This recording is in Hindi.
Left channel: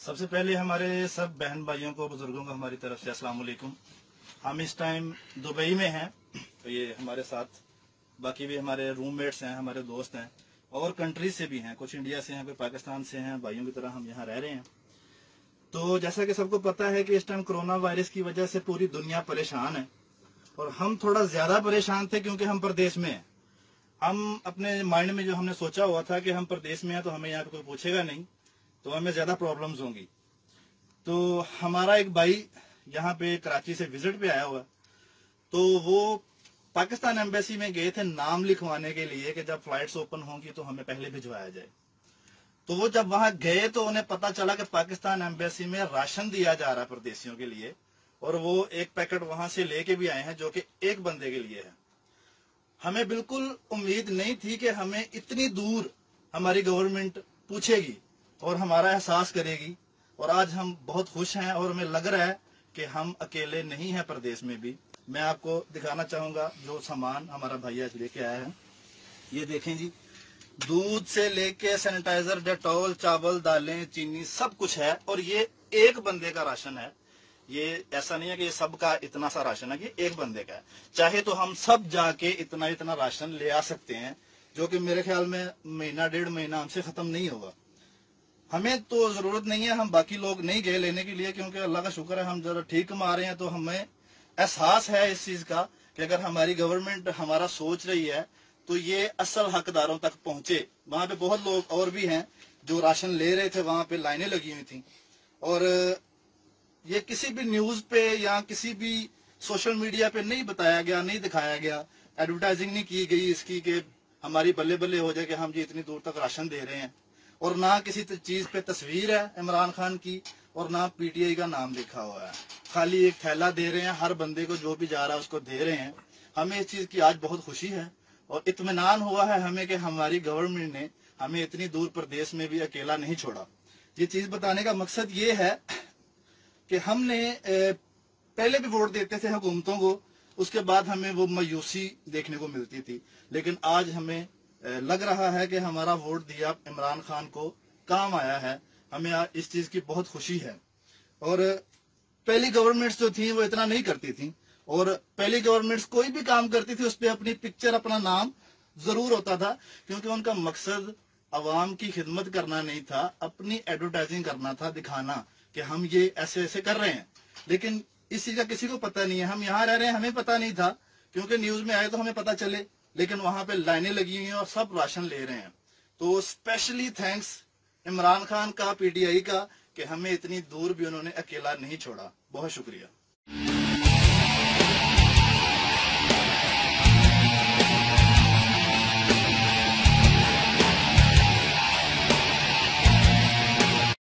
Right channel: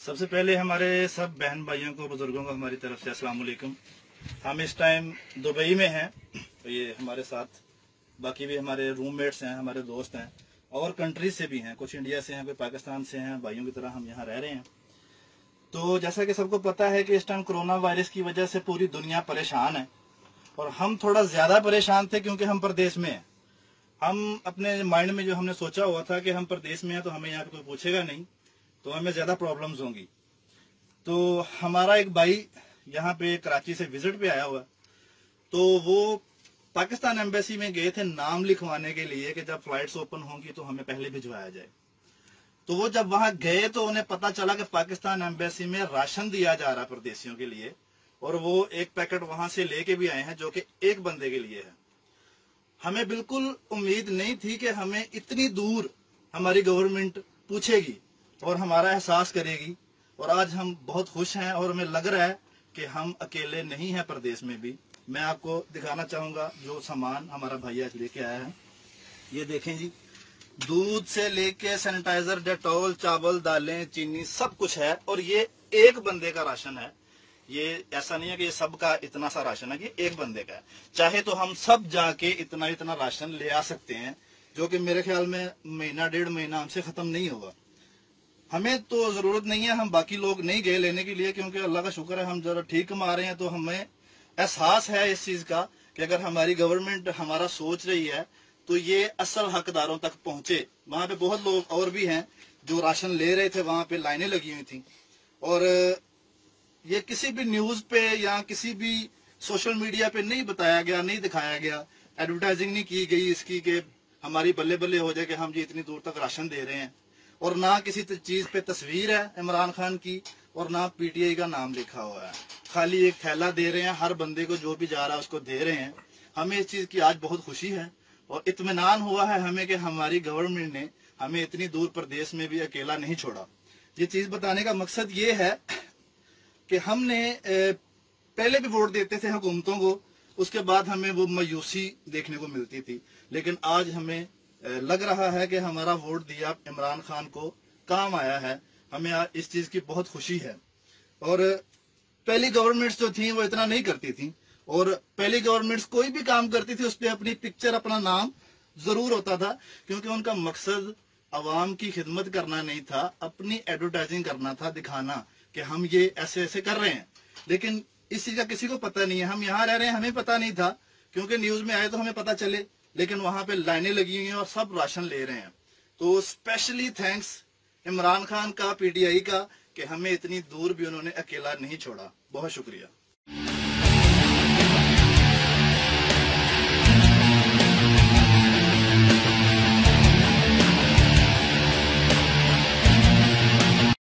सबसे पहले हमारे सब बहन भाइयों को, बुजुर्गों को हमारी तरफ से अस्सलाम वालेकुम। हम इस टाइम दुबई में हैं। ये हमारे साथ बाकी भी हमारे रूममेट्स हैं, हमारे दोस्त हैं और कंट्री से भी हैं। कुछ इंडिया से हैं, कोई पाकिस्तान से हैं। भाइयों की तरह हम यहाँ रह रहे हैं। तो जैसा कि सबको पता है कि इस टाइम कोरोना वायरस की वजह से पूरी दुनिया परेशान है और हम थोड़ा ज्यादा परेशान थे क्योंकि हम परदेश में हैं। हम अपने माइंड में जो हमने सोचा हुआ था कि हम परदेश में हैं तो हमें यहाँ पे कोई पूछेगा नहीं, तो हमें ज्यादा प्रॉब्लम्स होंगी। तो हमारा एक भाई यहाँ पे कराची से विजिट पे आया हुआ, तो वो पाकिस्तान एम्बेसी में गए थे नाम लिखवाने के लिए कि जब फ्लाइट्स ओपन होंगी तो हमें पहले भिजवाया जाए। तो वो जब वहां गए तो उन्हें पता चला कि पाकिस्तान एम्बेसी में राशन दिया जा रहा है परदेशियों के लिए, और वो एक पैकेट वहां से लेके भी आए हैं जो कि एक बंदे के लिए है। हमें बिल्कुल उम्मीद नहीं थी कि हमें इतनी दूर हमारी गवर्नमेंट पूछेगी और हमारा एहसास करेगी, और आज हम बहुत खुश हैं और हमें लग रहा है कि हम अकेले नहीं हैं परदेश में भी। मैं आपको दिखाना चाहूंगा जो सामान हमारा भैया लेके आया है। ये देखें जी, दूध से लेके सैनिटाइजर, डेटॉल, चावल, दालें, चीनी सब कुछ है, और ये एक बंदे का राशन है। ये ऐसा नहीं है कि ये सबका इतना सा राशन है, ये एक बंदे का है। चाहे तो हम सब जाके इतना इतना राशन ले आ सकते हैं, जो कि मेरे ख्याल में महीना डेढ़ महीना हमसे खत्म नहीं होगा। हमें तो जरूरत नहीं है, हम बाकी लोग नहीं गए लेने के लिए, क्योंकि अल्लाह का शुक्र है हम जरा ठीक कमा रहे हैं। तो हमें एहसास है इस चीज का कि अगर हमारी गवर्नमेंट हमारा सोच रही है तो ये असल हकदारों तक पहुंचे। वहां पे बहुत लोग और भी हैं जो राशन ले रहे थे, वहां पे लाइनें लगी हुई थी, और ये किसी भी न्यूज पे या किसी भी सोशल मीडिया पे नहीं बताया गया, नहीं दिखाया गया, एडवर्टाइजिंग नहीं की गई इसकी कि हमारी बल्ले बल्ले हो जाए कि हम जी इतनी दूर तक राशन दे रहे हैं। और ना किसी चीज पे तस्वीर है इमरान खान की, और ना पीटीआई का नाम लिखा हुआ है। खाली एक थैला दे रहे हैं, हर बंदे को जो भी जा रहा है उसको दे रहे हैं। हमें इस चीज की आज बहुत खुशी है और इत्मीनान हुआ है हमें कि हमारी गवर्नमेंट ने हमें इतनी दूर प्रदेश में भी अकेला नहीं छोड़ा। ये चीज बताने का मकसद ये है कि हमने पहले भी वोट देते थे हुकूमतों को, उसके बाद हमें वो मायूसी देखने को मिलती थी, लेकिन आज हमें लग रहा है कि हमारा वोट दिया इमरान खान को काम आया है। हमें इस चीज की बहुत खुशी है। और पहली गवर्नमेंट्स जो थी वो इतना नहीं करती थी, और पहली गवर्नमेंट्स कोई भी काम करती थी उस पर अपनी पिक्चर, अपना नाम जरूर होता था, क्योंकि उनका मकसद अवाम की खिदमत करना नहीं था, अपनी एडवर्टाइजिंग करना था, दिखाना कि हम ये ऐसे ऐसे कर रहे हैं। लेकिन इस चीज का किसी को पता नहीं है। हम यहाँ रह रहे हैं, हमें पता नहीं था, क्योंकि न्यूज में आए तो हमें पता चले, लेकिन वहां पे लाइनें लगी हुई हैं और सब राशन ले रहे हैं। तो स्पेशली थैंक्स इमरान खान का, पीटीआई का, कि हमें इतनी दूर भी उन्होंने अकेला नहीं छोड़ा। बहुत शुक्रिया।